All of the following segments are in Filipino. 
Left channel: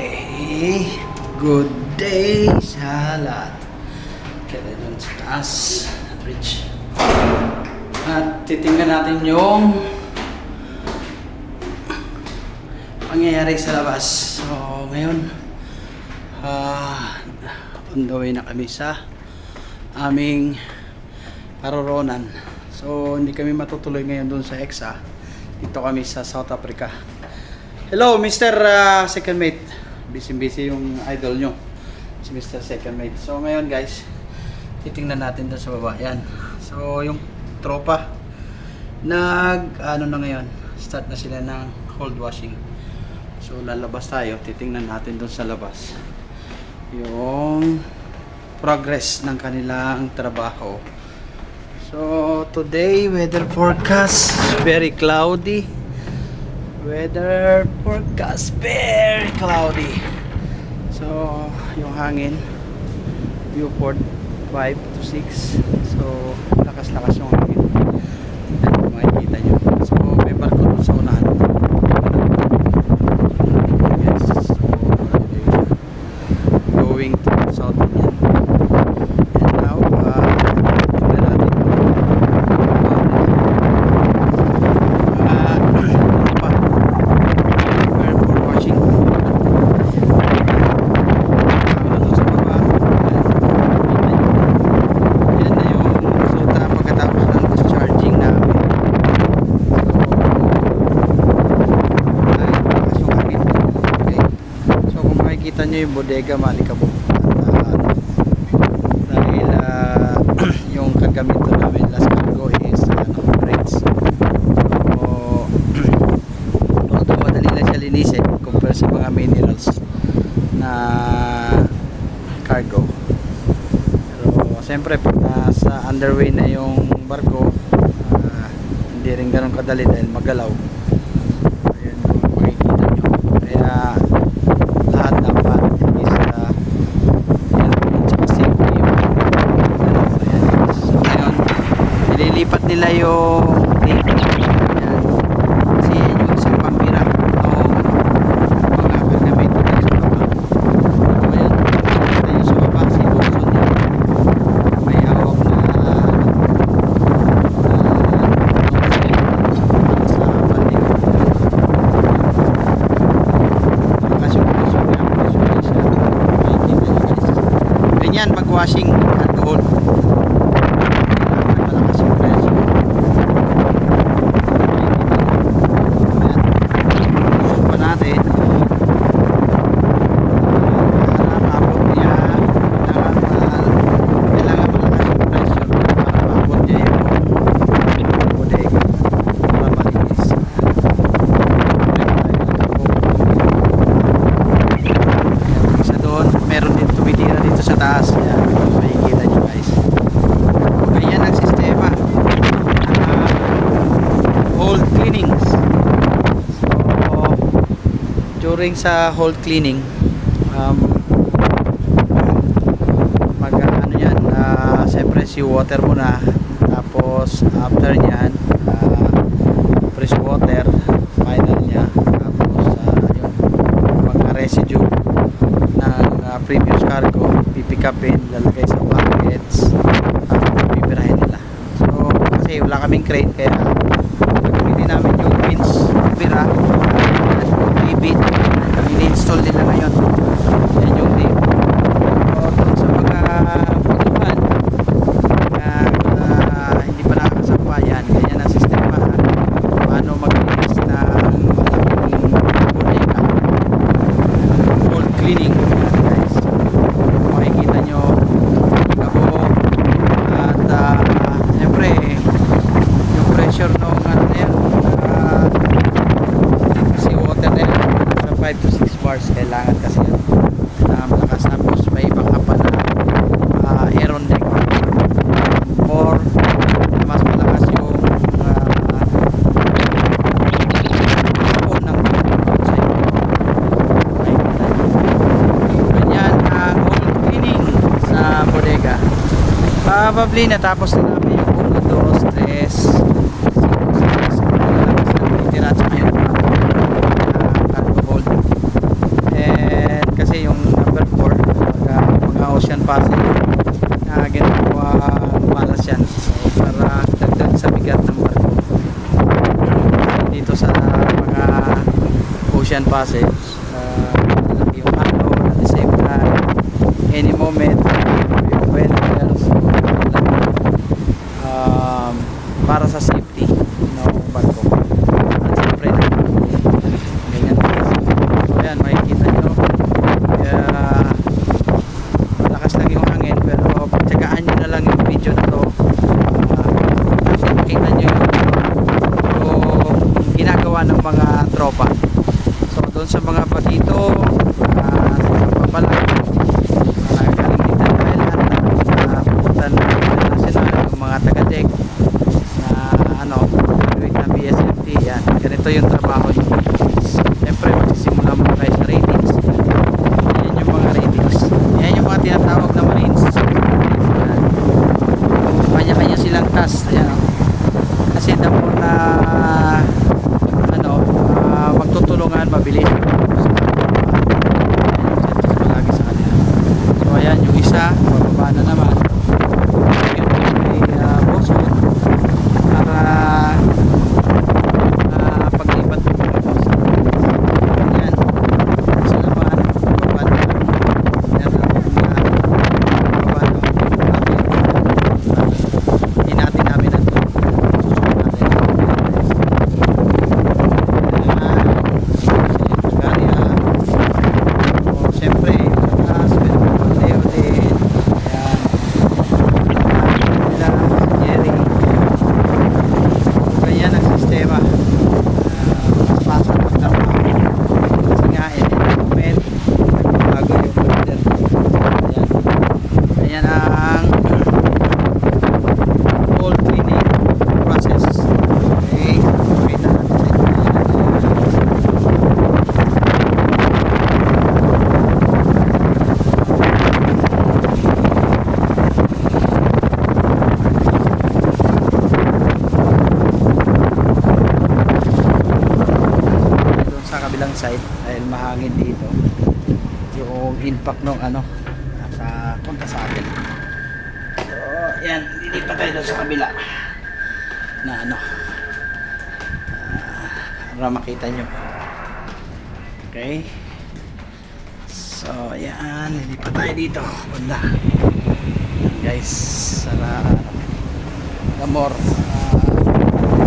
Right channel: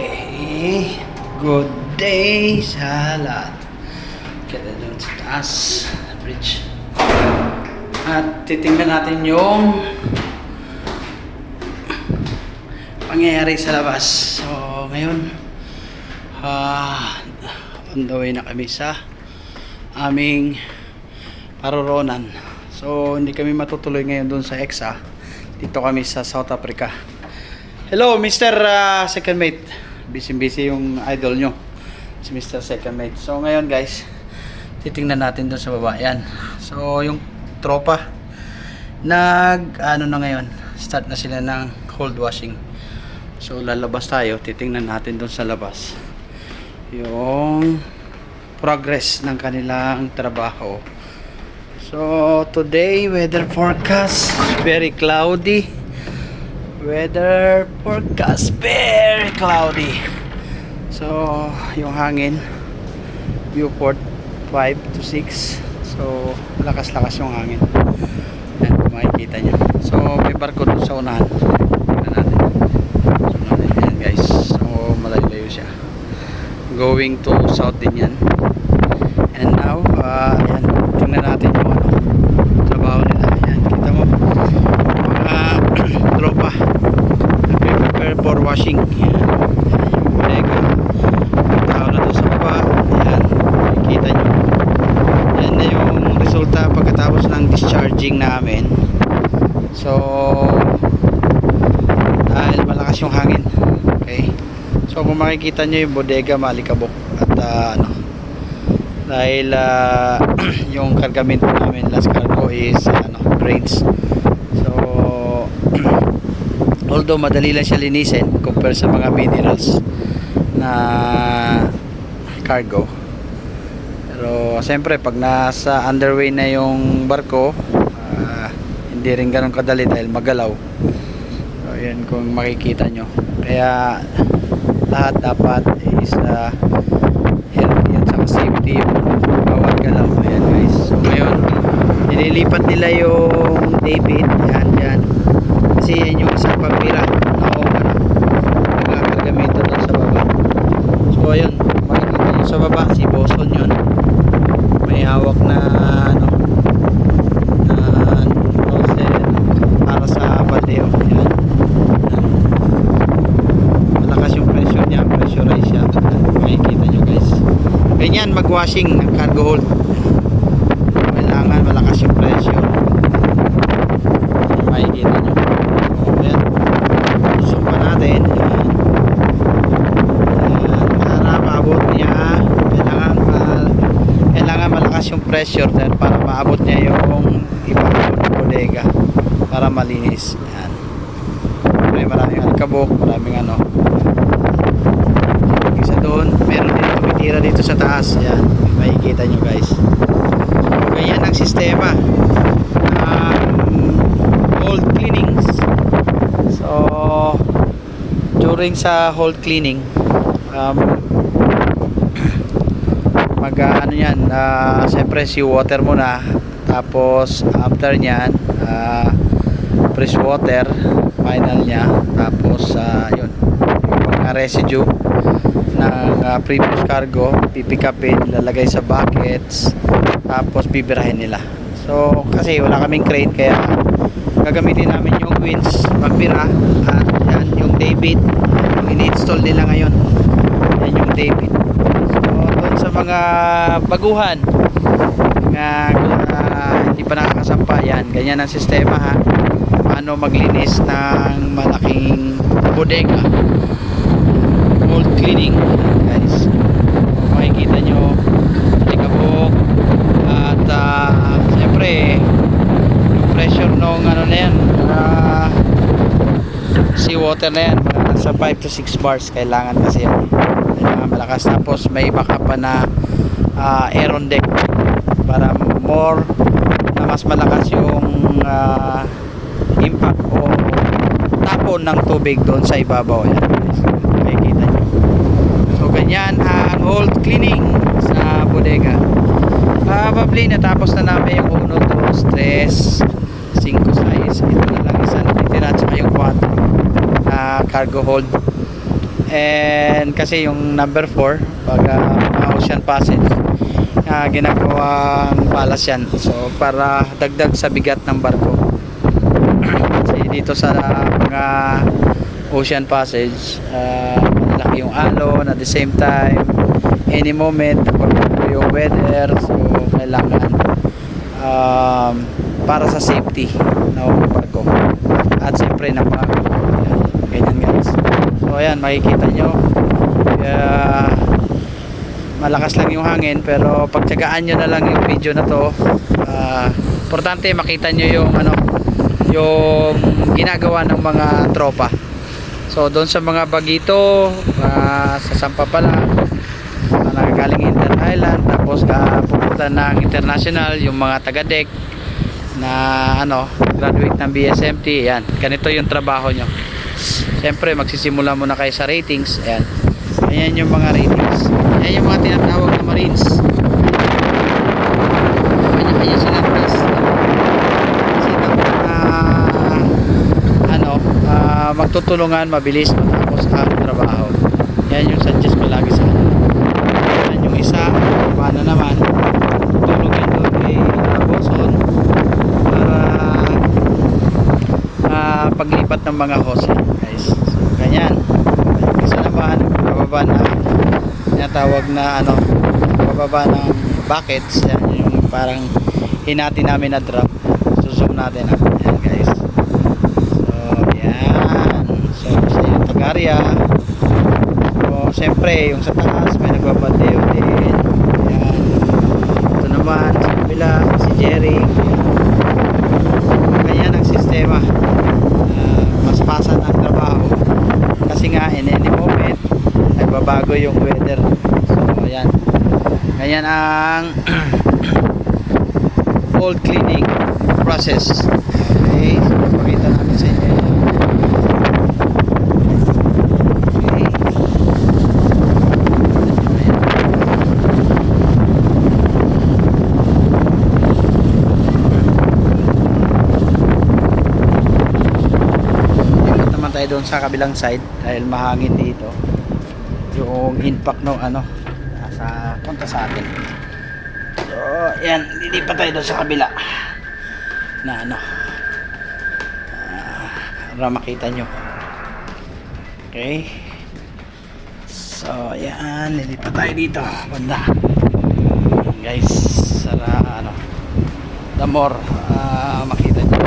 Okay, good day sa lahat. Kaya doon sa taas, bridge. At titingnan natin yung pangyayari sa labas. So, ngayon, on the way na kami sa aming paroronan. So, hindi kami matutuloy ngayon doon sa EXA. Dito kami sa South Africa. Hello, Mr. Second Mate. Busy yung idol nyo, si Mr. Second Mate. So ngayon guys, titingnan natin doon sa baba. Yan. So yung tropa ano na ngayon, start na sila ng cold washing. So lalabas tayo, titingnan natin doon sa labas yung progress ng kanilang trabaho. So today, weather forecast very cloudy. Weather forecast very cloudy. So yung hangin Viewport 5 to 6. So lakas-lakas yung hangin. Yan, makikita nyo. So may barko doon sa unahan. So yan guys. So malayo-layo siya. Going to south din yan. And now tingnan natin yung trabaho nila. Tropa prepare for washing. Tao na doon sa baba. Yan, kita nyo. Yan na yung resulta pagkatapos ng discharging namin. So malakas yung hangin. Okay, so kung makikita nyo yung bodega malikabok. At dahil yung kargamento namin last cargo is grains. Although madali lang siya linisin compare sa mga minerals na cargo, pero siyempre pag nasa underway na yung barko, hindi rin ganun kadali dahil magalaw. So yan kung makikita nyo, kaya lahat dapat is yun sa safety. Ayan guys, so ngayon nililipat nila yung David. Yan kasi yan yung isang pambira mga kargamento dun sa baba. So ayun, yung sa baba si Boston yun, may hawak na para sa bandeo. Yan, malakas yung pressure niya, pressurize siya. Makikita nyo guys, ganyan mag washing cargo hold, kailangan malakas yung pressure. Makikita nyo. Natin para maabot niya, kailangan malakas yung pressure dahil para maabot niya yung iba ng bodega para malinis. May maraming alikabok, maraming isa doon, meron din tumitira dito sa taas. Yan, makikita nyo guys. So ganyan ang sistema, hold cleanings. So during sa hold cleaning, siyempre si water muna, tapos after nyan fresh water final nya, tapos yun, mga residue ng previous cargo pipick upin, lalagay sa buckets, tapos bibirahin nila. So kasi wala kaming crane, kaya gagamitin namin yung winch pagbira. Yung David ini-install nila ngayon. Yan yung David. So doon sa mga baguhan na hindi pa nakasampa, yan, ganyan ang sistema ha. Paano maglinis ng malaking bodega, cold cleaning guys. Makikita nyo likabok at siyempre yung pressure nung na yan, seawater na yan sa 5 to 6 bars kailangan kasi malakas. Tapos may backup pa na aeron deck para more mas malakas yung impact o tapon ng tubig doon sa ibabaw. So makikita nyo. So ganyan ang hold cleaning sa bodega. Probably natapos na namin yung 1, 2, 3, 5, 6 tira sa yung 4 na cargo hold. And kasi yung number 4 pag ocean passage ginagawang palas yan, so para dagdag sa bigat ng barko. Kasi dito sa mga ocean passage laki yung alon, at the same time any moment yung weather, so kailangan para sa safety ng barko at siyempre ng barko. Ganyan guys. So ayan, makikita nyo malakas lang yung hangin, pero pagtsagaan nyo na lang yung video na to. Importante makita nyo yung yung ginagawa ng mga tropa. So doon sa mga bagito sa Sampa pa lang galing Inter Island, tapos punta ng international yung mga taga-deck na graduate ng BSMT. Yan, ganito yung trabaho nyo. Siyempre magsisimula muna kayo sa ratings. Yan yung mga ratings. Yan yung mga tinatawag na Marines. Kanya-kanya silang task. Kasi dapat na magtutulungan, mabilis sa trabaho. Yan yung suggest ko lagi sa kanila. Yan yung isa, baba na naman. May boson para paglipat ng mga host. Guys, ganyan. Isa naman, bababa na tinatawag na bababa ng buckets. Yan, yung parang hinati namin na drop. Susum natin. Yan guys. Area. So, siyempre, yung sa taas may nagbabantay ulit. Yan. Ito naman, sa kabila, si Jerry. Ganyan ang sistema. Mas pasan ang trabaho. Kasi nga, in any moment, babago yung weather. So, ayan. Ganyan ang full cleaning process. Okay, pakita natin sa inyo. Sa kabilang side dahil mahangin dito yung impact ng nasa punta sa atin. So yan, lilipat tayo doon sa kabila na para makita nyo. Okay, so yan, lilipat tayo dito banda guys, para the more makita nyo.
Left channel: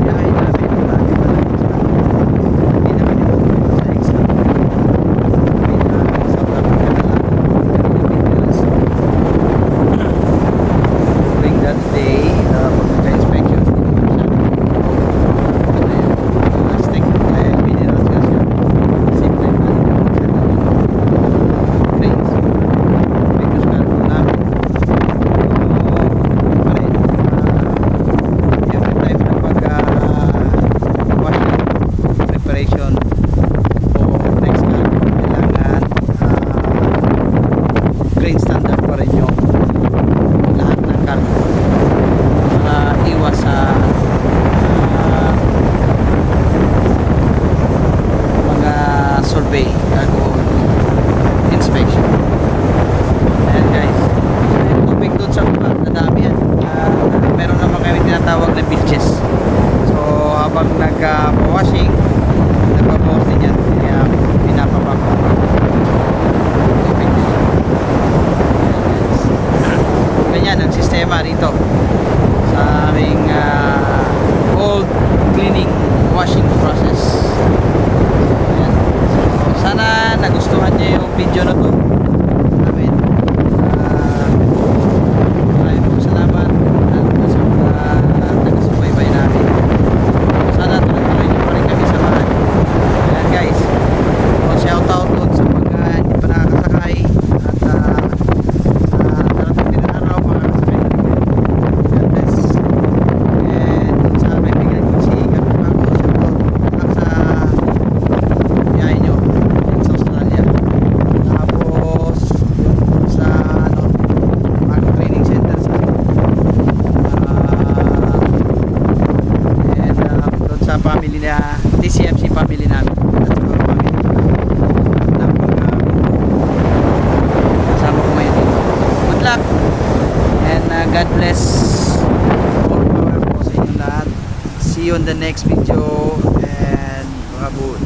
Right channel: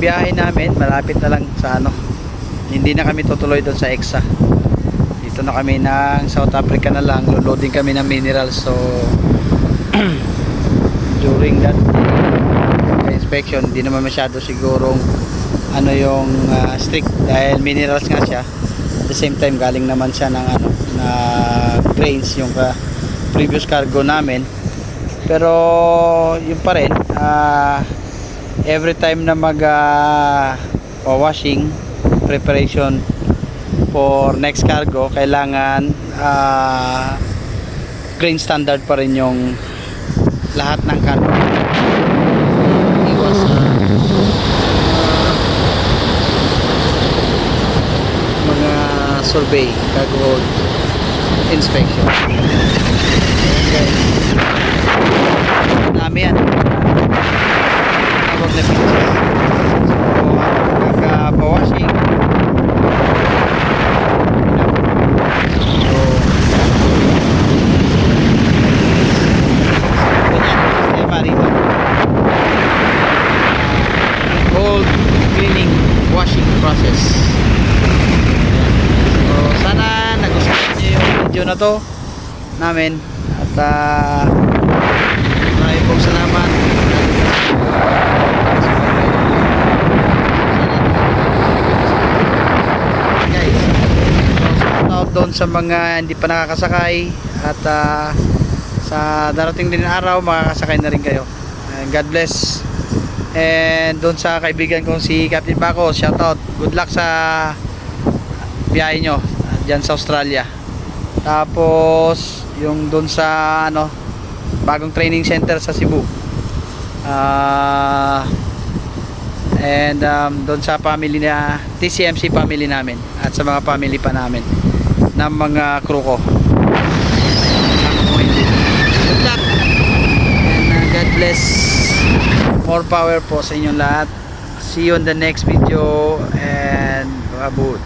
Biyahe namin malapit na lang sa hindi na kami tutuloy doon sa EXA. Dito na kami ng South Africa na lang, lulodi kami ng minerals. So during that day inspection, hindi naman masyado siguro yung strict dahil minerals nga siya. At the same time galing naman siya ng grains yung previous cargo namin, pero yun pa rin every time na washing preparation for next cargo, kailangan grain standard pa rin yung lahat ng cargo, iwas sa mga survey, cargo inspection. Ayan guys, dami yan tawag na beaches. So habang nagpa-washing pinapapang so ganyan ang sistema dito, cold cleaning washing process. nagustuhan niyo yung video na to namin. At maraming pong salamat. Sana tuloy kami sa guys. So shout out doon sa mga hindi pa nakakasakay at sa darating din na araw makakasakay na rin kayo. God bless. And doon sa kaibigan kong si Captain Bako, shout out. Good luck sa biyahe nyo dyan sa Australia. Tapos yung doon sa bagong training center sa Cebu. And doon sa family na TCMC family namin at sa mga family pa namin ng mga crew ko. Kasama ko ngayon dito. Good luck and God bless. All power po sa inyong lahat. See you on the next video and babuch.